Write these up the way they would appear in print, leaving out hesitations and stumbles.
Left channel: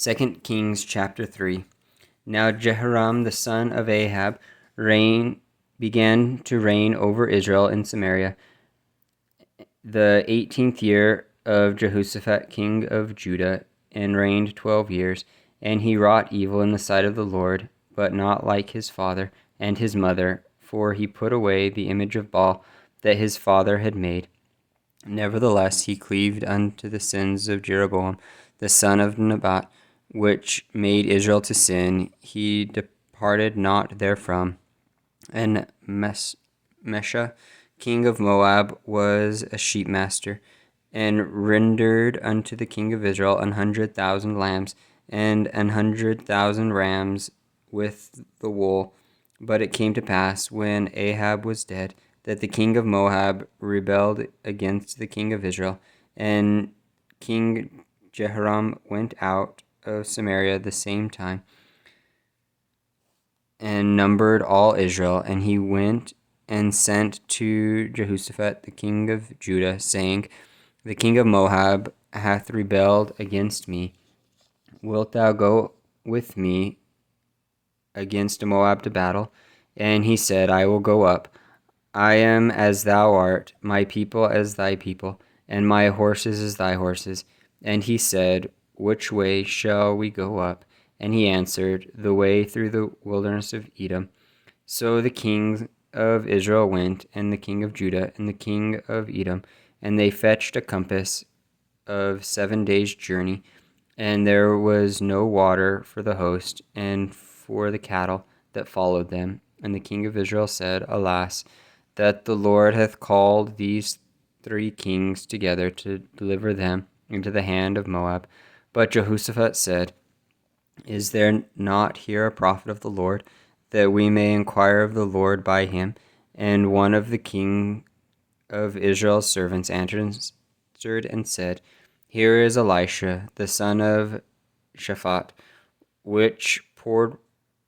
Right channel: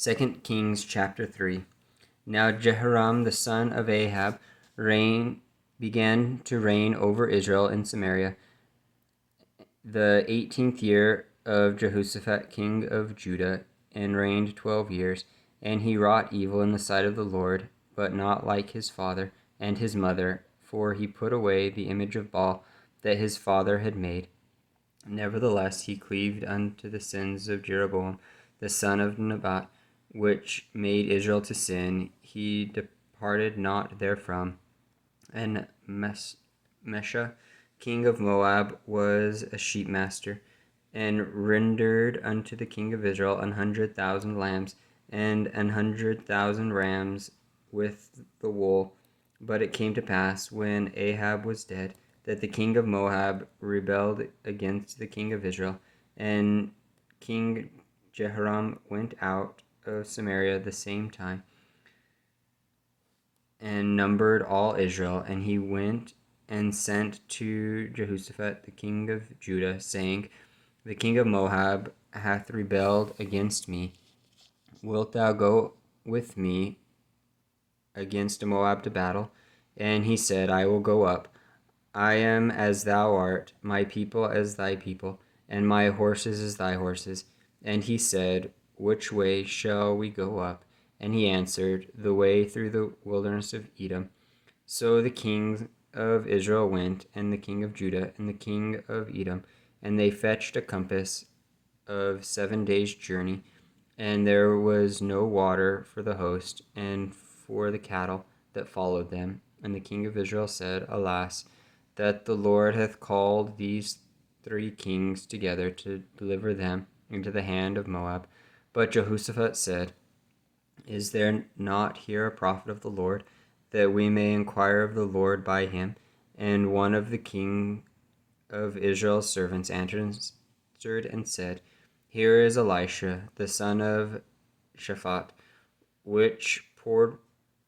2 Kings chapter 3. Now Jehoram the son of Ahab began to reign over Israel in Samaria, the 18th year of Jehoshaphat king of Judah, and reigned 12 years. And he wrought evil in the sight of the Lord, but not like his father and his mother, for he put away the image of Baal that his father had made. Nevertheless he cleaved unto the sins of Jeroboam the son of Nebat, which made Israel to sin. He departed not therefrom. And Mesha, king of Moab, was a sheepmaster, and rendered unto the king of Israel 100,000 lambs, and 100,000 rams with the wool. But it came to pass, when Ahab was dead, that the king of Moab rebelled against the king of Israel, and King Jehoram went out of Samaria the same time, and numbered all Israel. And he went and sent to Jehoshaphat the king of Judah, saying, The king of Moab hath rebelled against me. Wilt thou go with me against Moab to battle? And he said, I will go up. I am as thou art, my people as thy people, and my horses as thy horses. And he said, Which way shall we go up? And he answered, The way through the wilderness of Edom. So the king of Israel went, and the king of Judah, and the king of Edom, and they fetched a compass of 7 days' journey, and there was no water for the host and for the cattle that followed them. And the king of Israel said, Alas, that the Lord hath called these 3 kings together to deliver them into the hand of Moab. But Jehoshaphat said, Is there not here a prophet of the Lord, that we may inquire of the Lord by him? And one of the king of Israel's servants answered and said, Here is Elisha, the son of Shaphat, which poured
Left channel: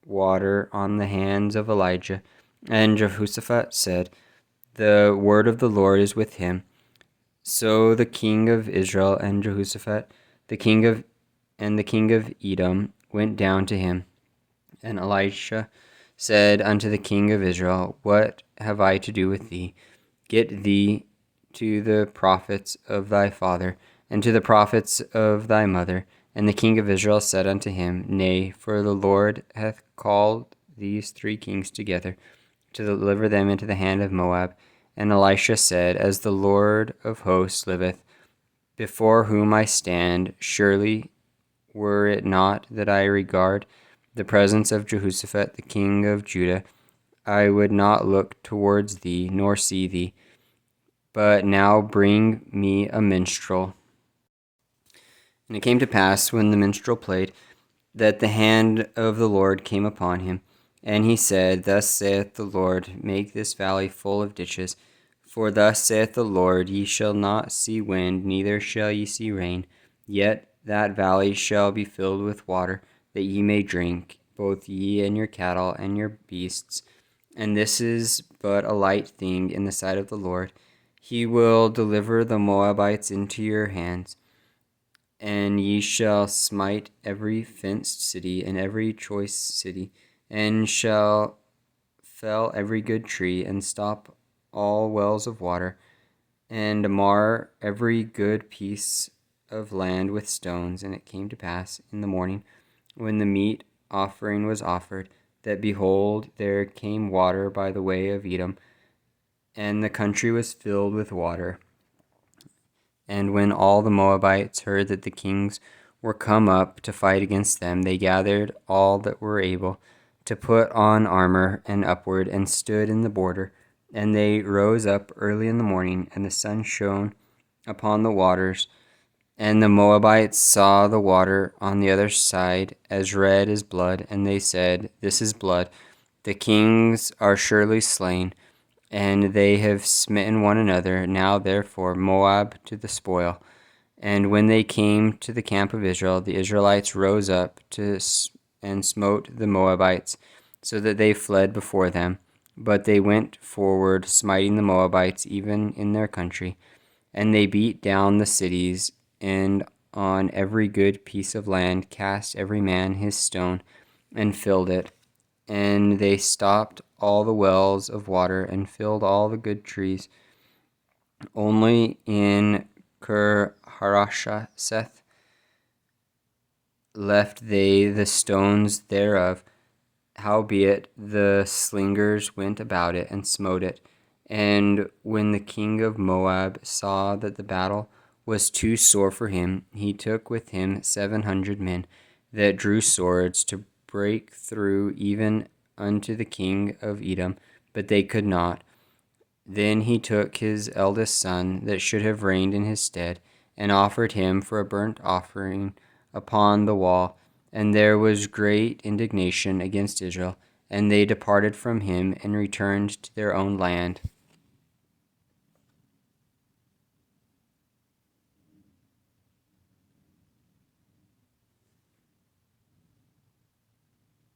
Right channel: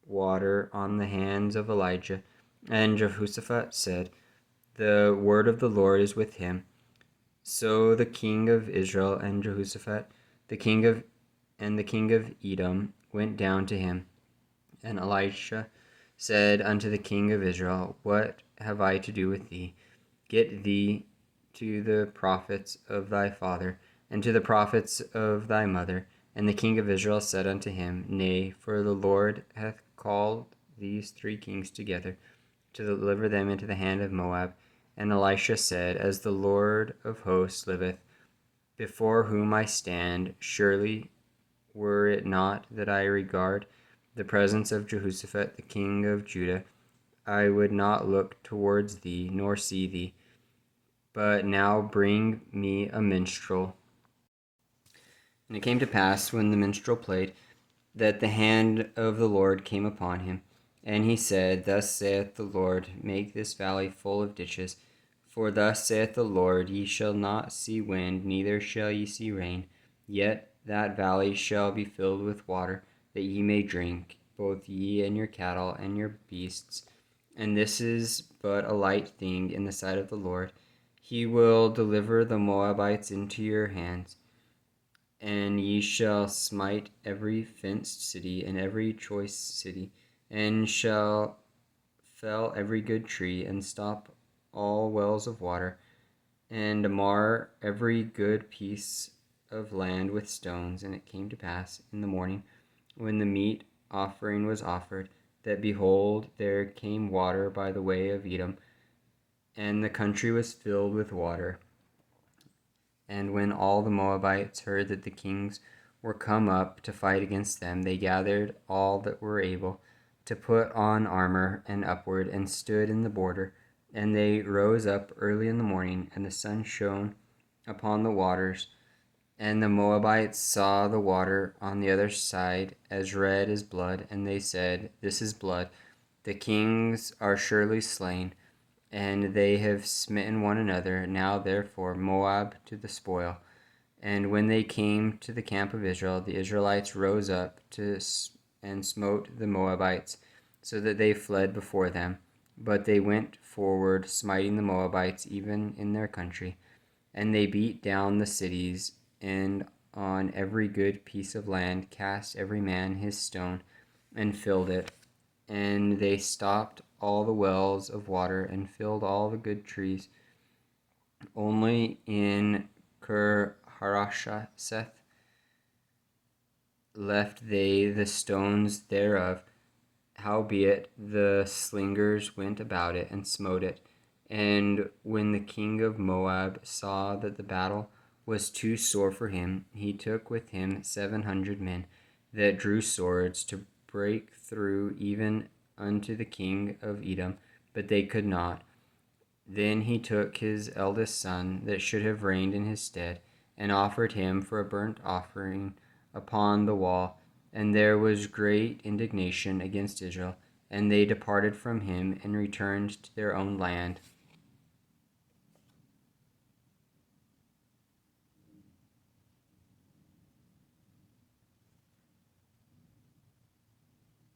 water on the hands of Elijah. And Jehoshaphat said, The word of the Lord is with him. So the king of Israel and Jehoshaphat, the king of Edom, went down to him. And Elisha said unto the king of Israel, What have I to do with thee? Get thee to the prophets of thy father, and to the prophets of thy mother. And the king of Israel said unto him, Nay, for the Lord hath called these 3 kings together, to deliver them into the hand of Moab. And Elisha said, As the Lord of hosts liveth, before whom I stand, surely were it not that I regard the presence of Jehoshaphat the king of Judah, I would not look towards thee, nor see thee. But now bring me a minstrel. And it came to pass, when the minstrel played, that the hand of the Lord came upon him. And he said, Thus saith the Lord, Make this valley full of ditches. For thus saith the Lord, Ye shall not see wind, neither shall ye see rain. Yet that valley shall be filled with water, that ye may drink, both ye and your cattle and your beasts. And this is but a light thing in the sight of the Lord. He will deliver the Moabites into your hands, and ye shall smite every fenced city and every choice city, and shall fell every good tree, and stop all wells of water, and mar every good piece of land with stones. And it came to pass in the morning, when the meat offering was offered, that behold, there came water by the way of Edom, and the country was filled with water. And when all the Moabites heard that the kings were come up to fight against them, they gathered all that were able to put on armor and upward, and stood in the border. And they rose up early in the morning, and the sun shone upon the waters. And the Moabites saw the water on the other side as red as blood, and they said, This is blood. The kings are surely slain, and they have smitten one another. Now therefore Moab to the spoil. And when they came to the camp of Israel, the Israelites rose up and smote the Moabites, so that they fled before them. But they went forward, smiting the Moabites even in their country. And they beat down the cities, and on every good piece of land, cast every man his stone, and filled it. And they stopped all the wells of water and filled all the good trees. Only in Ker Harashaseth left they the stones thereof. Howbeit the slingers went about it and smote it. And when the king of Moab saw that the battle was too sore for him, he took with him 700 men that drew swords to break through even unto the king of Edom, but they could not. Then he took his eldest son that should have reigned in his stead, and offered him for a burnt offering upon the wall. And there was great indignation against Israel, and they departed from him and returned to their own land.